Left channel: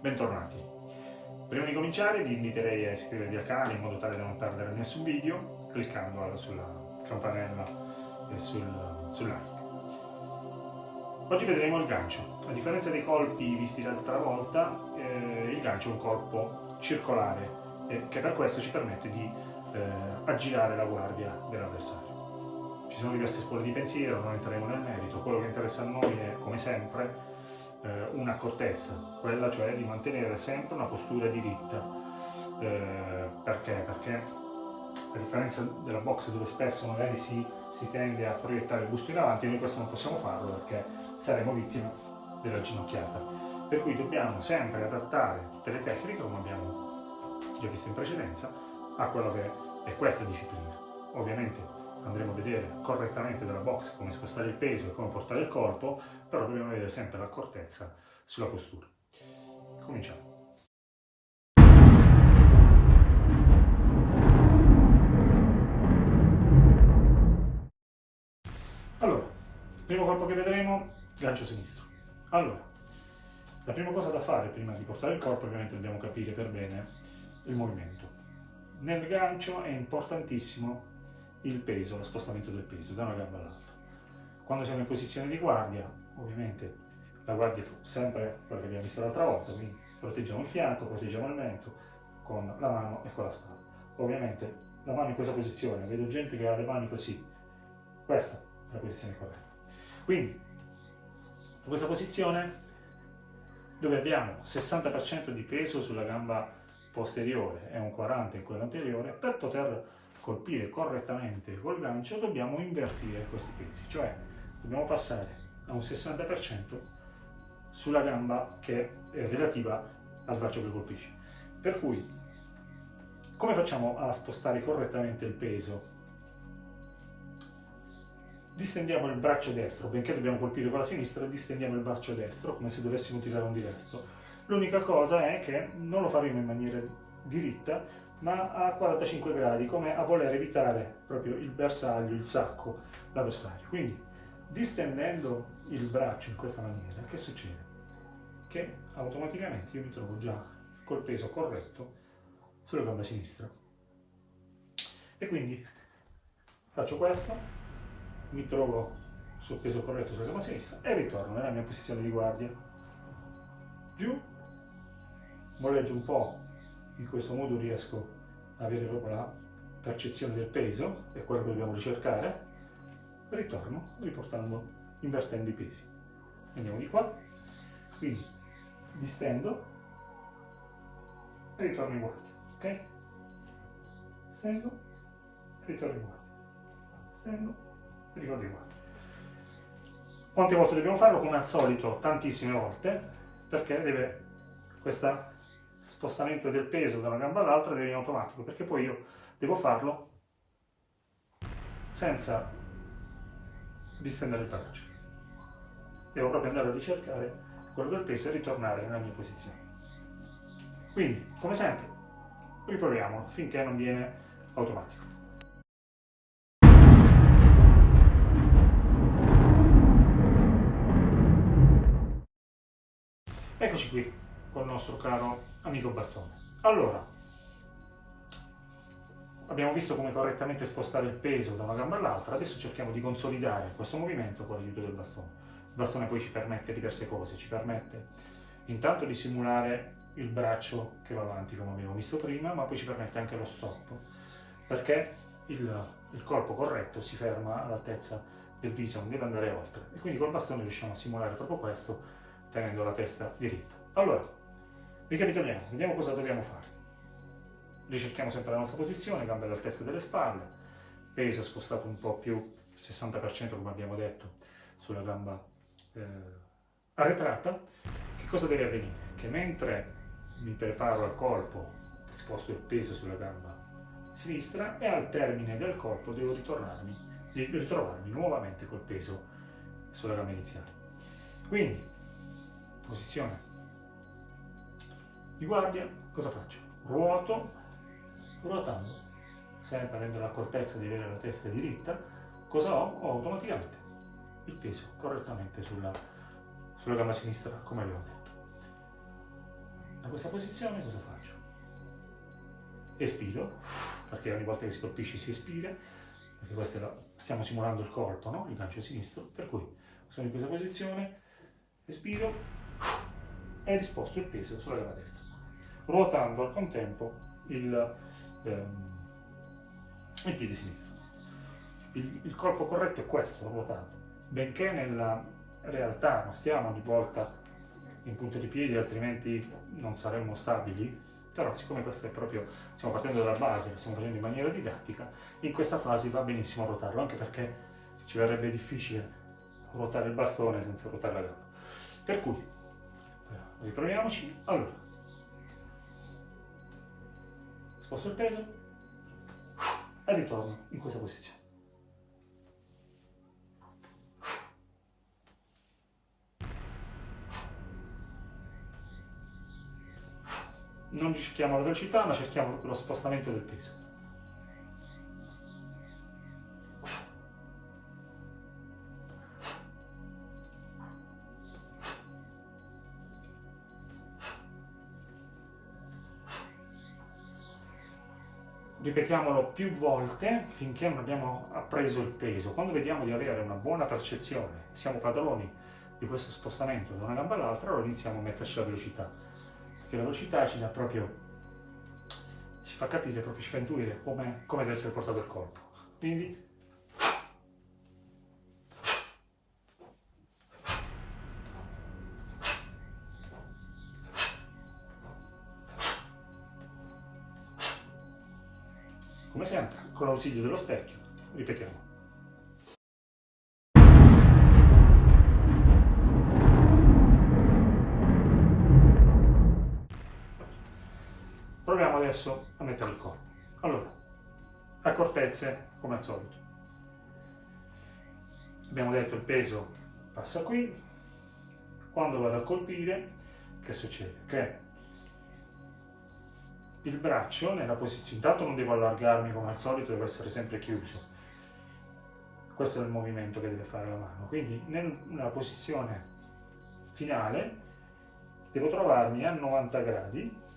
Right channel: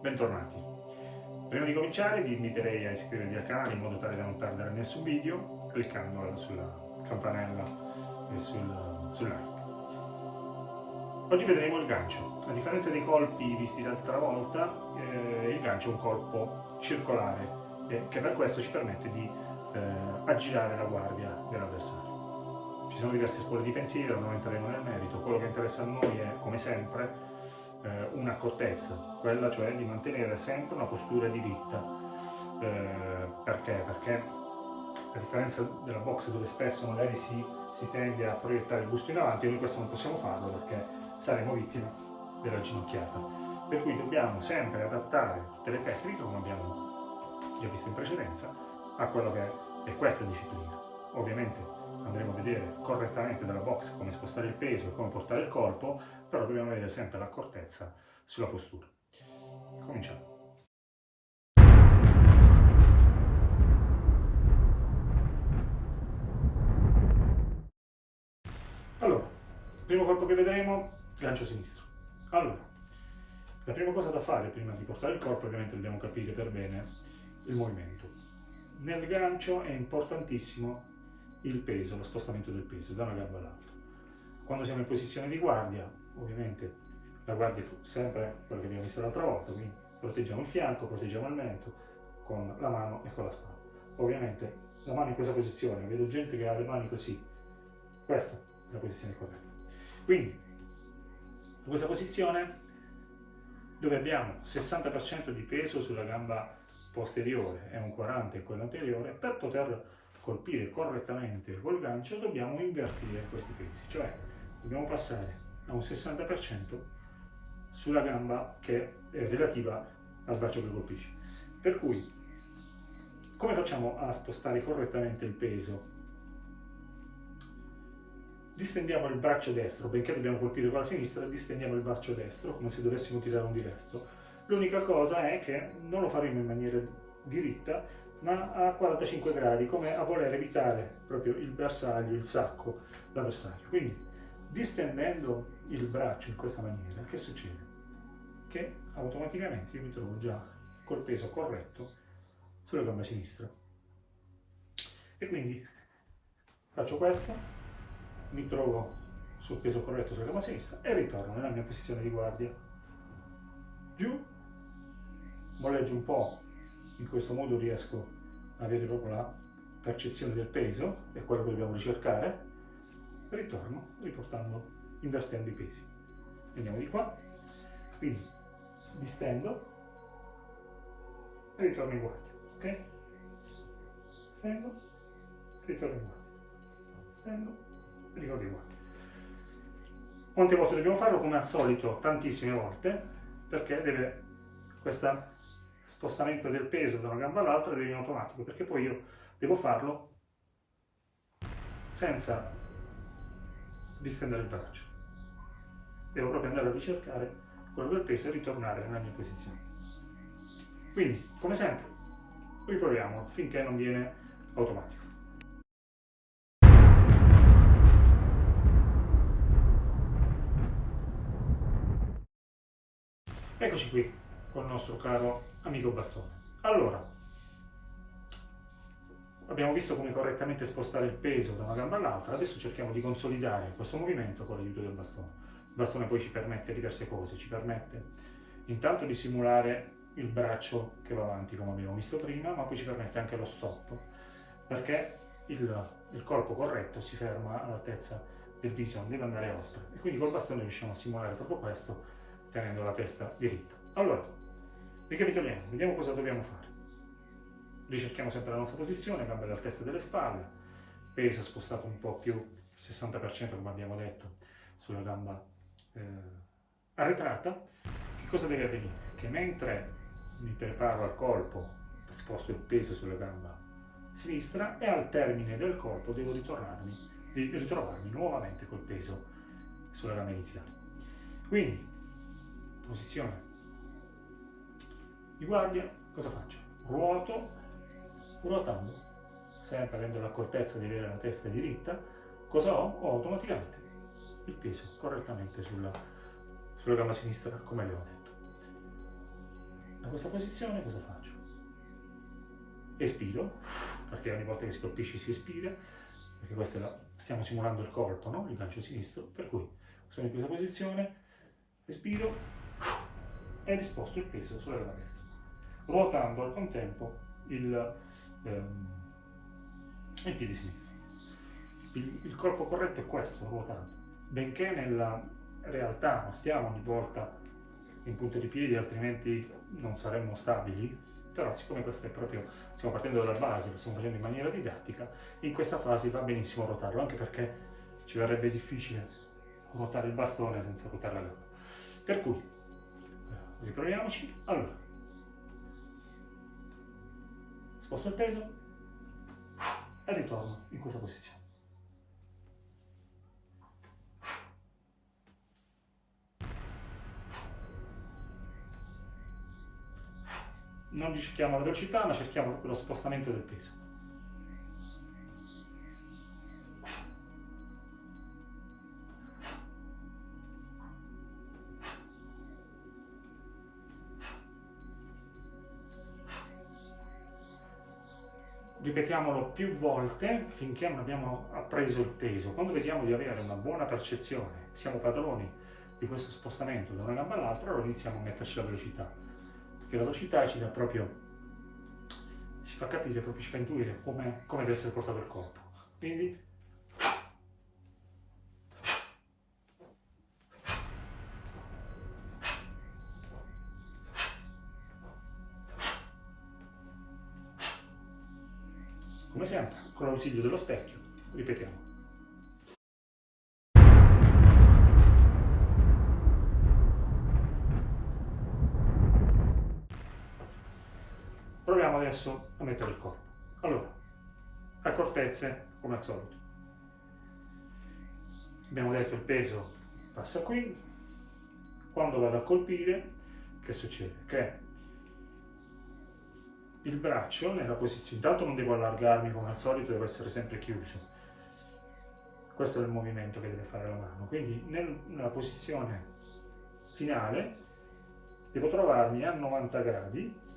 Bentornati. Prima di cominciare vi inviterei a iscrivervi al canale in modo tale da non perdere nessun video cliccando sulla campanella e sul like. Oggi vedremo il gancio. A differenza dei colpi visti l'altra volta, il gancio è un colpo circolare che per questo ci permette di aggirare la guardia dell'avversario. Ci sono diverse scuole di pensiero, non entreremo nel merito. Quello che interessa a noi è, come sempre, un'accortezza, quella cioè di mantenere sempre una postura diritta. Perché? Perché a differenza della box dove spesso magari si tende a proiettare il busto in avanti, noi questo non possiamo farlo perché saremo vittime della ginocchiata. Per cui dobbiamo sempre adattare tutte le tecniche, come abbiamo già visto in precedenza, a quello che è questa disciplina. Ovviamente andremo a vedere correttamente dalla box come spostare il peso e come portare il colpo, però dobbiamo avere sempre l'accortezza sulla postura. Cominciamo. Allora, primo colpo che vedremo, gancio sinistro. Allora, la prima cosa da fare prima di portare il colpo, ovviamente dobbiamo capire per bene il movimento. Nel gancio è importantissimo il peso, lo spostamento del peso da una gamba all'altra. Quando siamo in posizione di guardia, ovviamente la guardia è sempre quella che abbiamo visto l'altra volta, quindi proteggiamo il fianco, proteggiamo il mento con la mano e con la spalla. Ovviamente la mano in questa posizione, vedo gente che ha le mani così, questa è la posizione corretta. Quindi, in questa posizione dove abbiamo 60% di peso sulla gamba posteriore e un 40% in quella anteriore, per poter colpire correttamente col gancio dobbiamo invertire questi pesi, cioè dobbiamo passare a un 60% sulla gamba che è relativa al braccio che colpisce. Per cui, come facciamo a spostare correttamente il peso? Distendiamo il braccio destro, benché dobbiamo colpire con la sinistra, distendiamo il braccio destro come se dovessimo tirare un diresto. L'unica cosa è che non lo faremo in maniera diritta, ma a 45 gradi, come a voler evitare proprio il bersaglio, il sacco, l'avversario. Quindi, distendendo il braccio in questa maniera, che succede? Che automaticamente io mi trovo già col peso corretto sulla gamba sinistra. E quindi faccio questo, mi trovo sul peso corretto sulla gamba sinistra e ritorno nella mia posizione di guardia. Giù, molleggio un po', in questo modo riesco ad avere proprio la percezione del peso, è quello che dobbiamo ricercare, ritorno invertendo i pesi. Andiamo di qua, quindi distendo e ritorno in guardia, ok? Stendo, ritorno in guardia, stendo, ricordi qua. Quante volte dobbiamo farlo? Come al solito, tantissime volte, perché deve questo spostamento del peso da una gamba all'altra deve in automatico, perché poi io devo farlo senza distendere il braccio. Devo proprio andare a ricercare quello del peso e ritornare nella mia posizione. Quindi, come sempre, riproviamolo finché non viene automatico. Eccoci qui con il nostro caro amico bastone. Allora, abbiamo visto come correttamente spostare il peso da una gamba all'altra, adesso cerchiamo di consolidare questo movimento con l'aiuto del bastone. Il bastone poi ci permette diverse cose, ci permette intanto di simulare il braccio che va avanti come abbiamo visto prima, ma poi ci permette anche lo stop, perché il colpo corretto si ferma all'altezza del viso, non deve andare oltre. E quindi col bastone riusciamo a simulare proprio questo, tenendo la testa diritta. Allora, ricapitoliamo, vediamo cosa dobbiamo fare. Ricerchiamo sempre la nostra posizione, gambe all'altezza delle spalle, peso spostato un po' più, il 60% come abbiamo detto, sulla gamba arretrata. Che cosa deve avvenire? Che mentre mi preparo al colpo, sposto il peso sulla gamba sinistra e al termine del colpo devo ritrovarmi nuovamente col peso sulla gamba iniziale. Quindi, posizione di guardia, cosa faccio? Ruotando, sempre avendo l'accortezza di avere la testa diritta, cosa ho? Ho automaticamente il peso correttamente sulla gamba sinistra, come abbiamo detto. Da questa posizione cosa faccio? Espiro, perché ogni volta che si colpisce si espira, perché stiamo simulando il colpo, no? Il gancio sinistro, per cui sono in questa posizione, espiro e risposto il peso sulla gamba destra, ruotando al contempo il piede sinistro. Il colpo corretto è questo, ruotando. Benché nella realtà non stiamo ogni volta in punta di piedi, altrimenti non saremmo stabili, però siccome questo è proprio, stiamo partendo dalla base, lo stiamo facendo in maniera didattica, in questa fase va benissimo ruotarlo, anche perché ci verrebbe difficile ruotare il bastone senza ruotare la gamba. Per cui, riproviamoci. Allora, sposto il peso e ritorno in questa posizione. Non cerchiamo la velocità, ma cerchiamo lo spostamento del peso. Ripetiamolo più volte finché non abbiamo appreso il peso. Quando vediamo di avere una buona percezione, siamo padroni di questo spostamento da una gamba all'altra, allora iniziamo a metterci la velocità. Perché la velocità ci dà proprio, ci fa capire, proprio ci fa intuire come deve essere portato il corpo. Quindi come sempre, con l'ausilio dello specchio, ripetiamo. Proviamo adesso a mettere il corpo. Allora, accortezze come al solito. Abbiamo detto il peso passa qui. Quando vado a colpire, che succede? Che il braccio nella posizione, intanto non devo allargarmi come al solito, devo essere sempre chiuso. Questo è il movimento che deve fare la mano. Quindi nella posizione finale devo trovarmi a 90 gradi,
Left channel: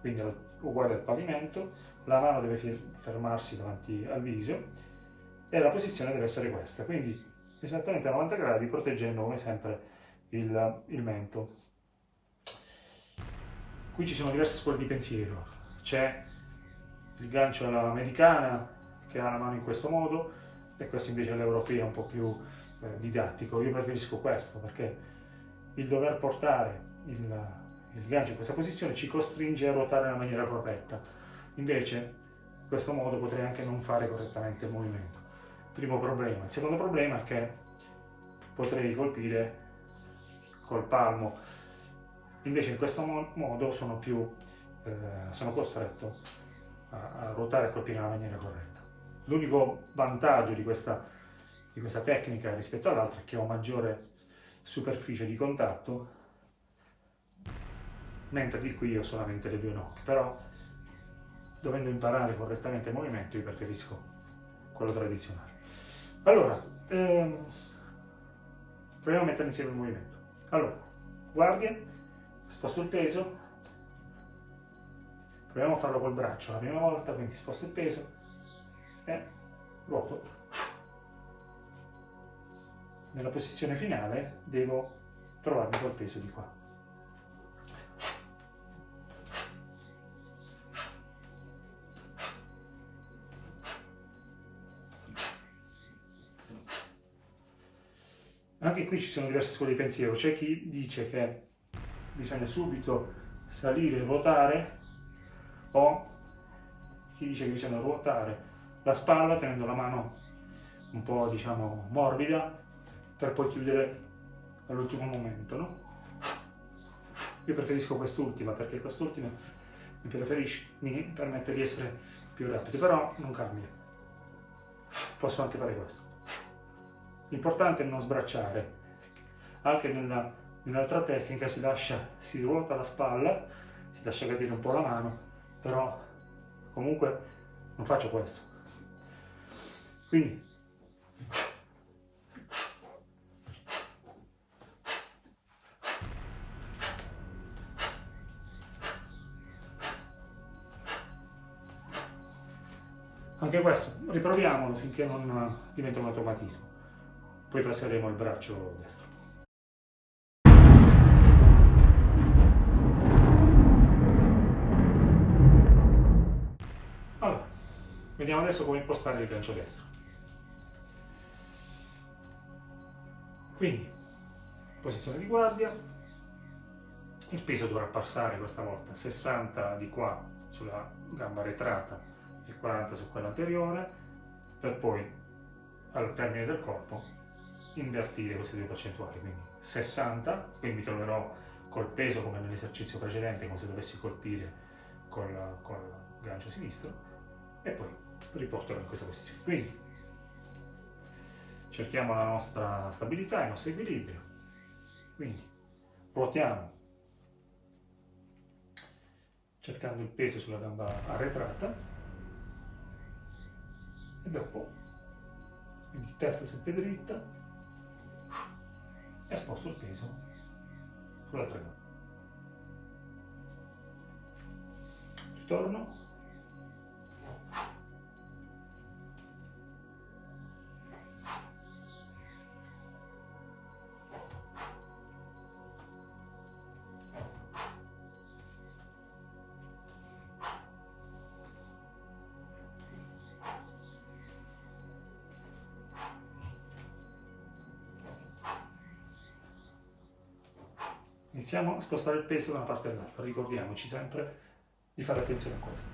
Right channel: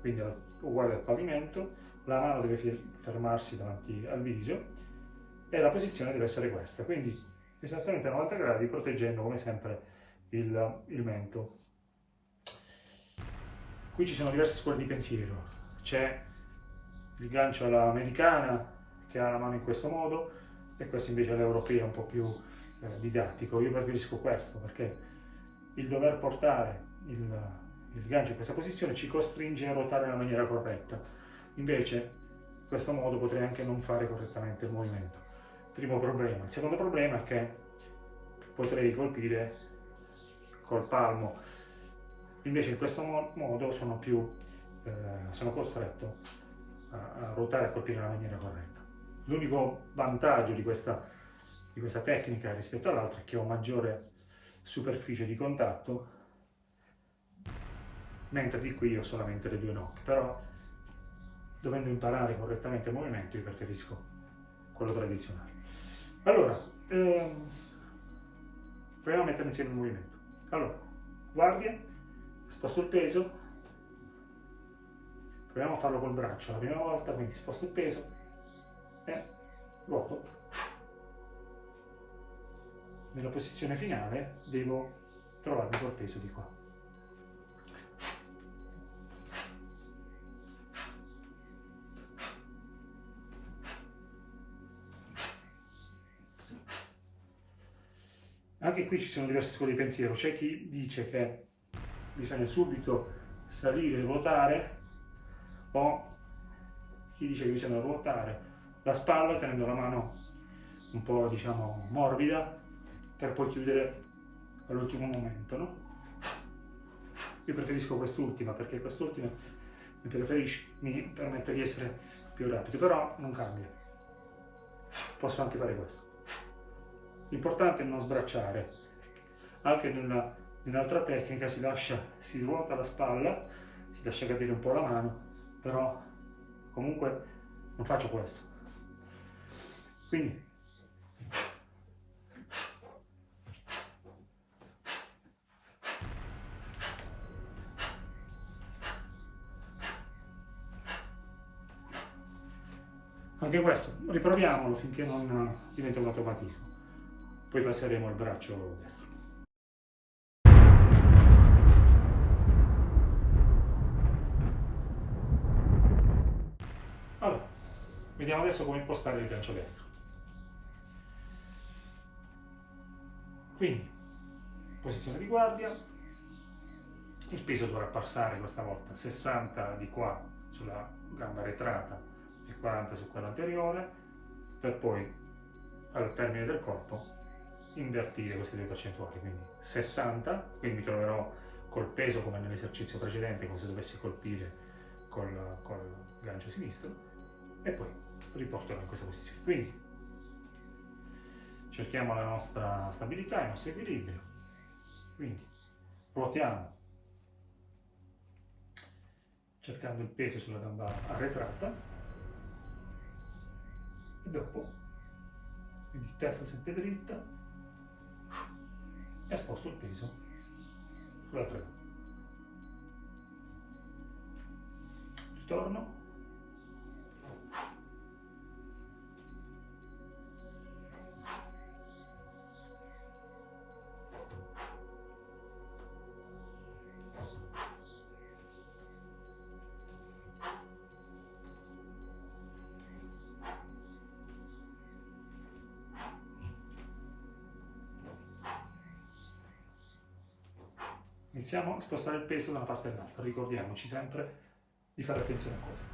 quindi uguale al pavimento, la mano deve fermarsi davanti al viso e la posizione deve essere questa, quindi esattamente a 90 gradi proteggendo come sempre il mento. Qui ci sono diverse scuole di pensiero, c'è il gancio all'americana che ha la mano in questo modo e questo invece è l'europeo un po' più didattico. Io preferisco questo perché il dover portare il gancio in questa posizione ci costringe a ruotare nella maniera corretta. Invece, in questo modo potrei anche non fare correttamente il movimento. Primo problema. Il secondo problema è che potrei colpire col palmo. Invece in questo modo sono costretto a ruotare e a colpire nella maniera corretta. L'unico vantaggio di questa tecnica rispetto all'altra è che ho maggiore superficie di contatto, mentre di qui ho solamente le due nocche, però dovendo imparare correttamente il movimento io preferisco quello tradizionale. Allora, proviamo a mettere insieme il movimento. Allora, guardia, sposto il peso, proviamo a farlo col braccio la prima volta, quindi sposto il peso e ruoto. Nella posizione finale devo trovarmi col peso di qua. Anche qui ci sono diverse scuole di pensiero, c'è chi dice che bisogna subito salire e ruotare, o chi dice che bisogna ruotare la spalla tenendo la mano un po' diciamo morbida per poi chiudere all'ultimo momento, no? Io preferisco quest'ultima perché quest'ultima mi permette di essere più rapido, però non cambia, posso anche fare questo. L'importante è non sbracciare. Anche nell'altra tecnica si ruota la spalla, si lascia cadere un po' la mano, però comunque non faccio questo. Quindi Anche questo, riproviamolo finché non diventa un automatismo. Poi passeremo al braccio destro. Allora, vediamo adesso come impostare il gancio destro. Quindi, posizione di guardia, il peso dovrà passare questa volta 60 di qua sulla gamba arretrata e 40 su quella anteriore, per poi al termine del colpo invertire queste due percentuali, quindi 60, quindi mi troverò col peso come nell'esercizio precedente, come se dovessi colpire col gancio sinistro, e poi riporterò in questa posizione. Quindi cerchiamo la nostra stabilità, il nostro equilibrio, quindi ruotiamo cercando il peso sulla gamba arretrata e dopo, quindi testa sempre dritta, e sposto il peso sull'altra gamba. Ritorno. Iniziamo a spostare il peso da una parte all'altra, ricordiamoci sempre di fare attenzione a questo.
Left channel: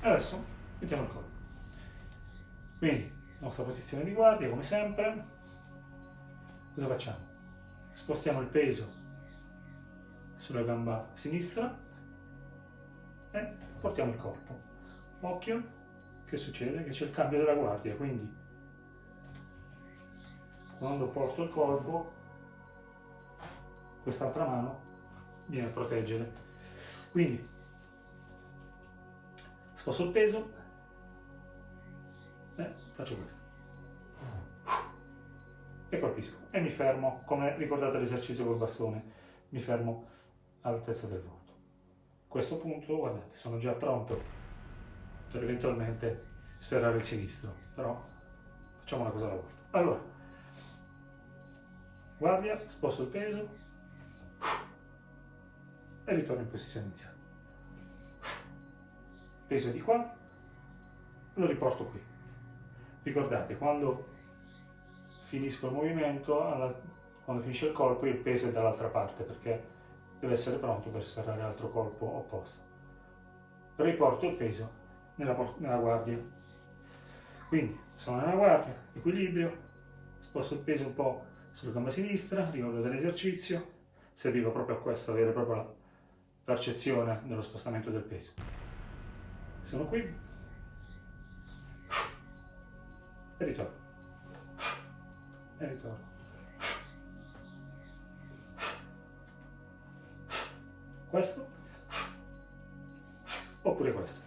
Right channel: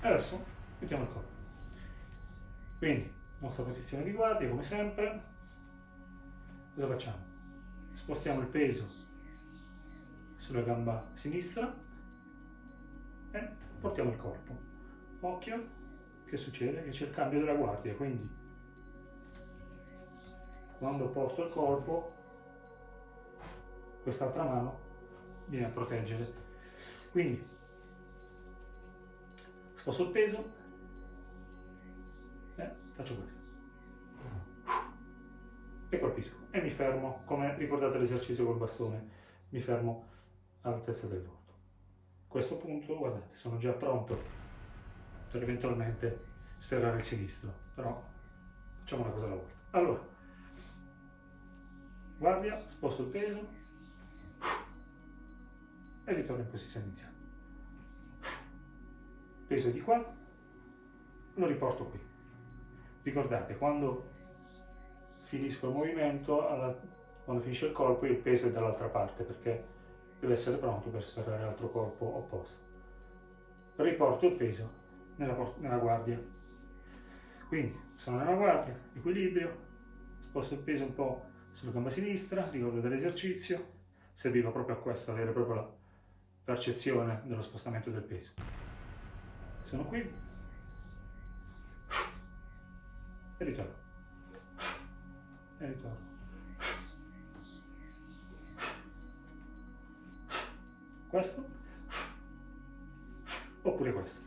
Adesso mettiamo il colpo. Quindi, nostra posizione di guardia, come sempre. Cosa facciamo? Spostiamo il peso sulla gamba sinistra e portiamo il corpo. Occhio, che succede? Che c'è il cambio della guardia, quindi quando porto il colpo, quest'altra mano viene a proteggere. Quindi sposto il peso e faccio questo. E colpisco e mi fermo, come ricordate l'esercizio col bastone, mi fermo all'altezza del volto. A questo punto, guardate, sono già pronto per eventualmente sferrare il sinistro, però facciamo una cosa alla volta. Allora, guardia, sposto il peso e ritorno in posizione iniziale. Peso di qua, lo riporto qui. Ricordate, quando finisco il movimento, quando finisce il colpo, il peso è dall'altra parte perché deve essere pronto per sferrare l'altro colpo opposto. Riporto il peso nella guardia. Quindi sono nella guardia, equilibrio, sposto il peso un po' sulla gamba sinistra, ricordo dell'esercizio, serviva proprio a questo, avere proprio la percezione dello spostamento del peso. Sono qui e ritorno. E ritorno. Questo oppure questo.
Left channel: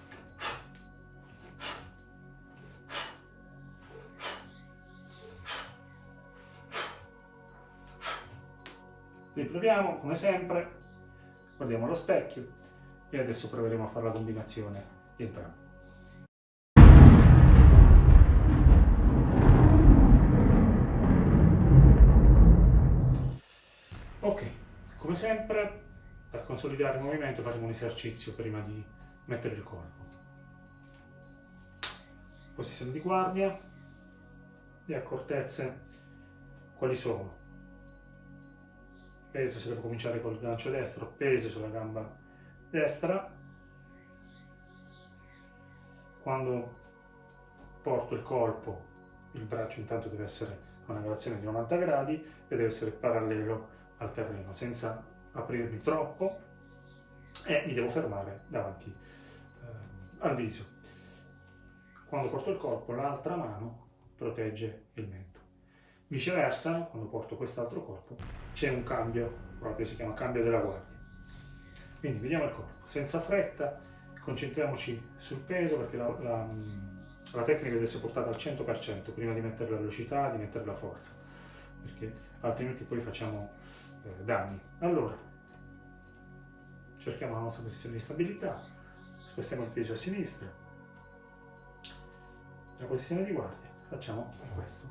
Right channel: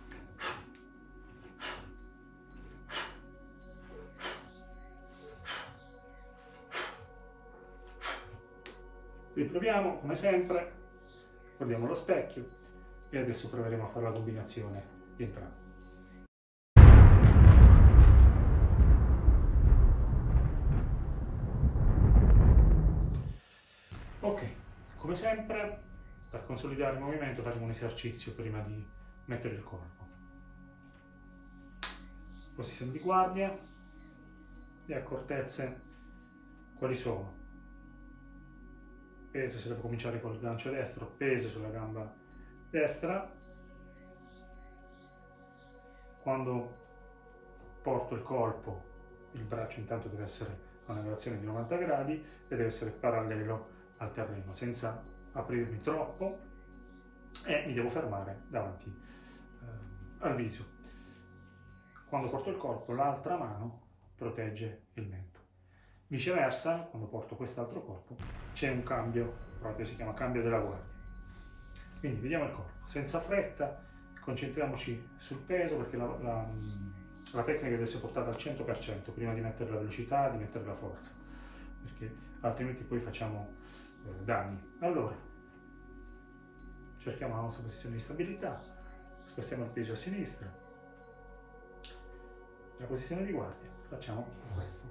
Riproviamo come sempre, guardiamo allo specchio e adesso proveremo a fare la combinazione di entrambi. Ok, come sempre, per consolidare il movimento faremo un esercizio prima di mettere il colpo. Posizione di guardia, le accortezze quali sono? Peso se devo cominciare col gancio destro, peso sulla gamba destra. Quando porto il colpo, il braccio intanto deve essere a una relazione di 90 gradi e deve essere parallelo al terreno, senza aprirmi troppo, e mi devo fermare davanti al viso. Quando porto il colpo, l'altra mano protegge il mento. Viceversa, quando porto quest'altro colpo, c'è un cambio, proprio si chiama cambio della guardia. Quindi vediamo il corpo, senza fretta, concentriamoci sul peso perché la tecnica deve essere portata al 100% prima di mettere la velocità, di mettere la forza, perché altrimenti poi facciamo danni. Allora, cerchiamo la nostra posizione di stabilità, spostiamo il peso a sinistra, la posizione di guardia, facciamo questo.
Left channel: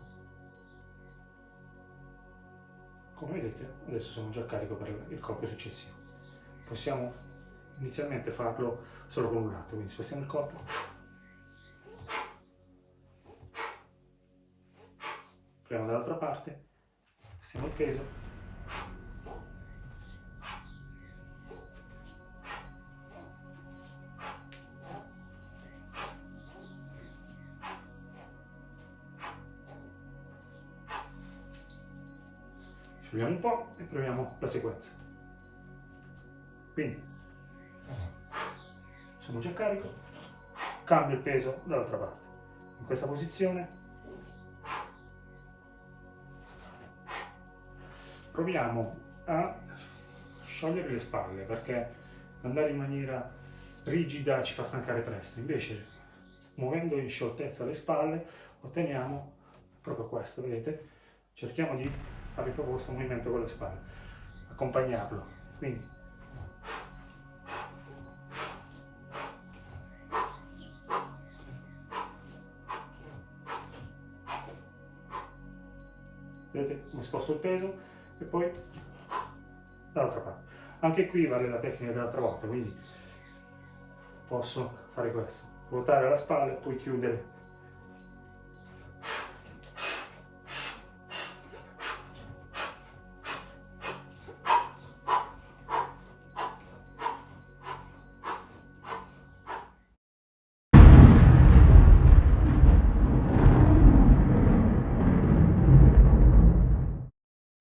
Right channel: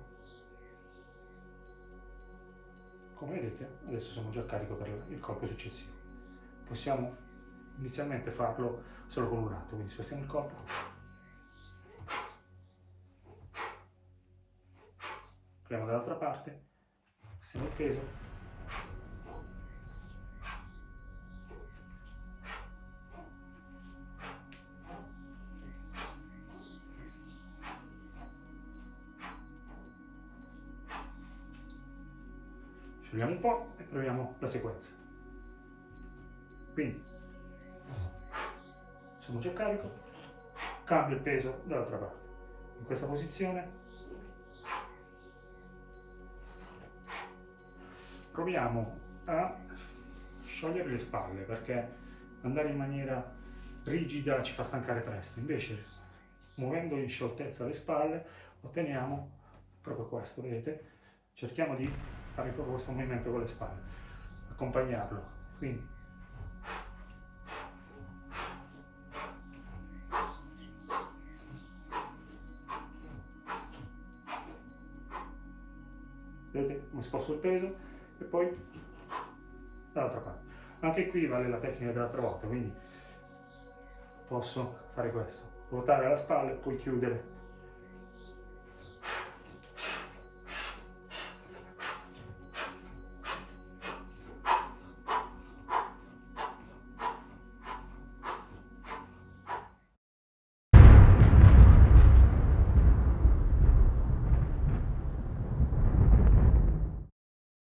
Come vedete, adesso sono già a carico per il colpo successivo. Possiamo inizialmente farlo solo con un lato, quindi spostiamo il corpo, proviamo dall'altra parte, spostiamo il peso, sciogliamo un po' e proviamo la sequenza. Quindi sono già carico, cambio il peso dall'altra parte. In questa posizione proviamo a sciogliere le spalle perché andare in maniera rigida ci fa stancare presto. Invece, muovendo in scioltezza le spalle, otteniamo proprio questo, vedete? Cerchiamo di fare proprio questo movimento con le spalle, accompagnarlo. Quindi vedete come sposto il peso e poi dall'altra parte. Anche qui vale la tecnica dell'altra volta, quindi posso fare questo, ruotare la spalla e poi chiudere.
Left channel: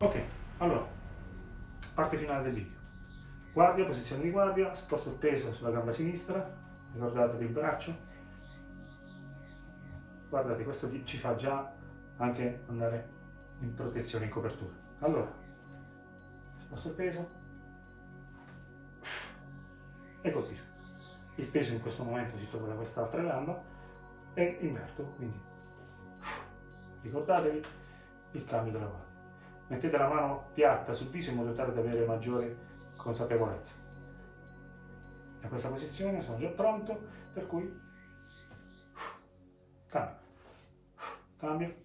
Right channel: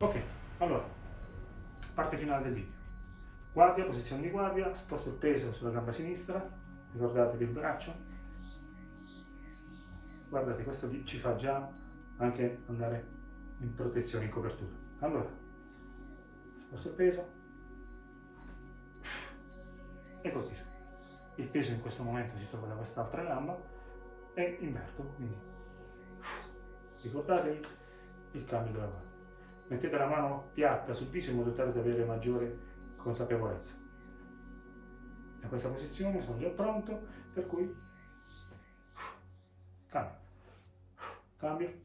Ok, allora, parte finale del video. Guardia, posizione di guardia, sposto il peso sulla gamba sinistra, ricordatevi il braccio. Guardate, questo ci fa già anche andare in protezione, in copertura. Allora, sposto il peso e colpisco. Il peso in questo momento si trova da quest'altra gamba e inverto, quindi ricordatevi il cambio della guardia. Mettete la mano piatta sul viso in modo tale da avere maggiore consapevolezza. In questa posizione sono già pronto, per cui cambio, cambio,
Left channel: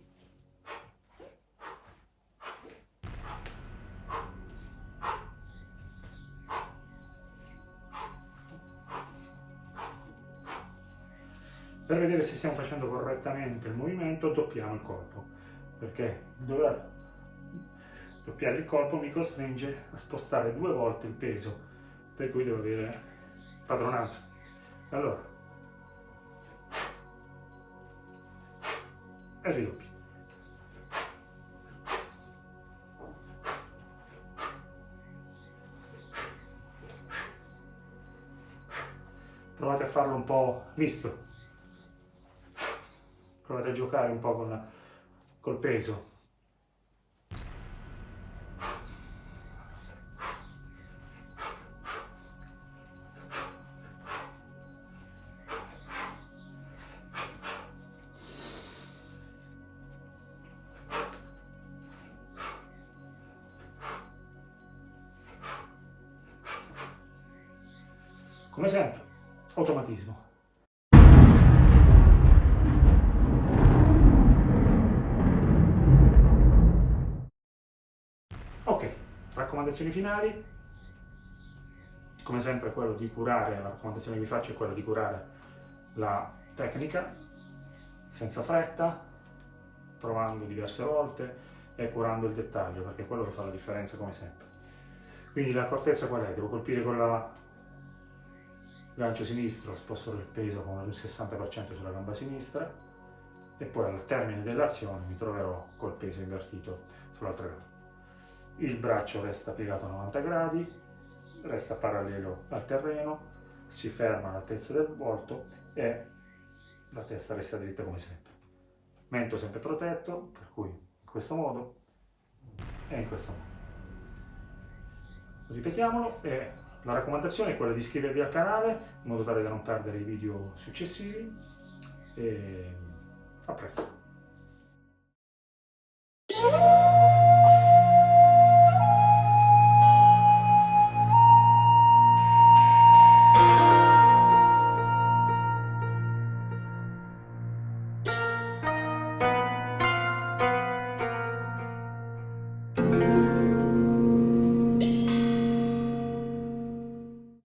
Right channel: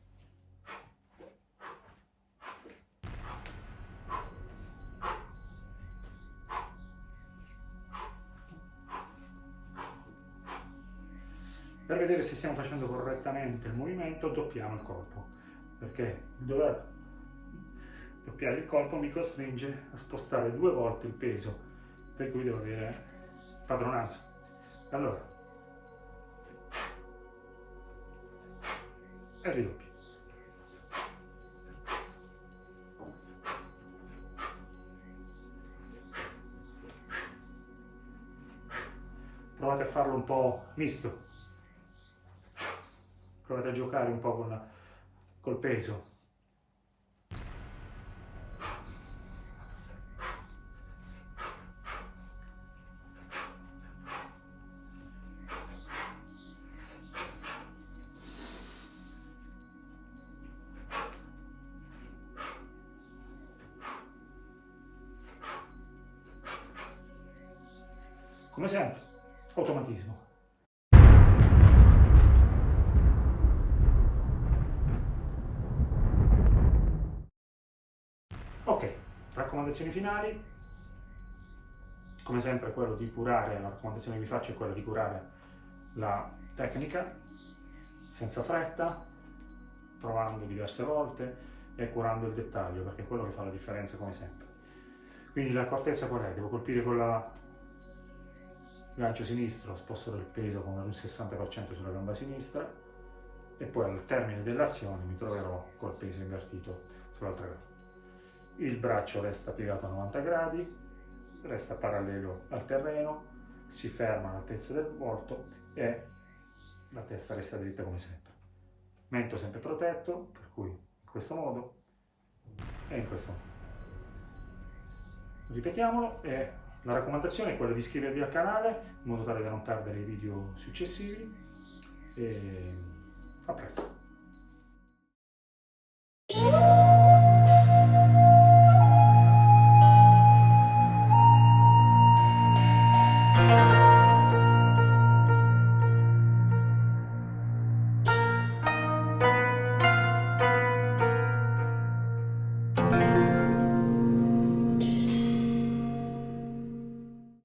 per vedere se stiamo facendo correttamente il movimento doppiamo il colpo, perché dover doppiare il colpo mi costringe a spostare 2 volte il peso, per cui devo avere padronanza. Allora, e ridoppio. Provate a farlo un po' misto, provate a giocare un po' col peso. Come sempre, automatismo. Ok, raccomandazioni finali. Come sempre quello di curare, la raccomandazione che vi faccio è quella di curare la tecnica senza fretta, provando diverse volte e curando il dettaglio, perché è quello che fa la differenza come sempre. Quindi l'accortezza qual è? Devo colpire con la gancio sinistro, sposto il peso con un 60% sulla gamba sinistra e poi al termine dell'azione mi troverò col peso invertito sull'altra gamba. Il braccio resta piegato a 90 gradi, resta parallelo al terreno, si ferma all'altezza del volto e la testa resta dritta come sempre. Mento sempre protetto, per cui in questo modo e in questo modo. Ripetiamolo e La raccomandazione è quella di iscrivervi al canale in modo tale da non perdere i video successivi e a presto.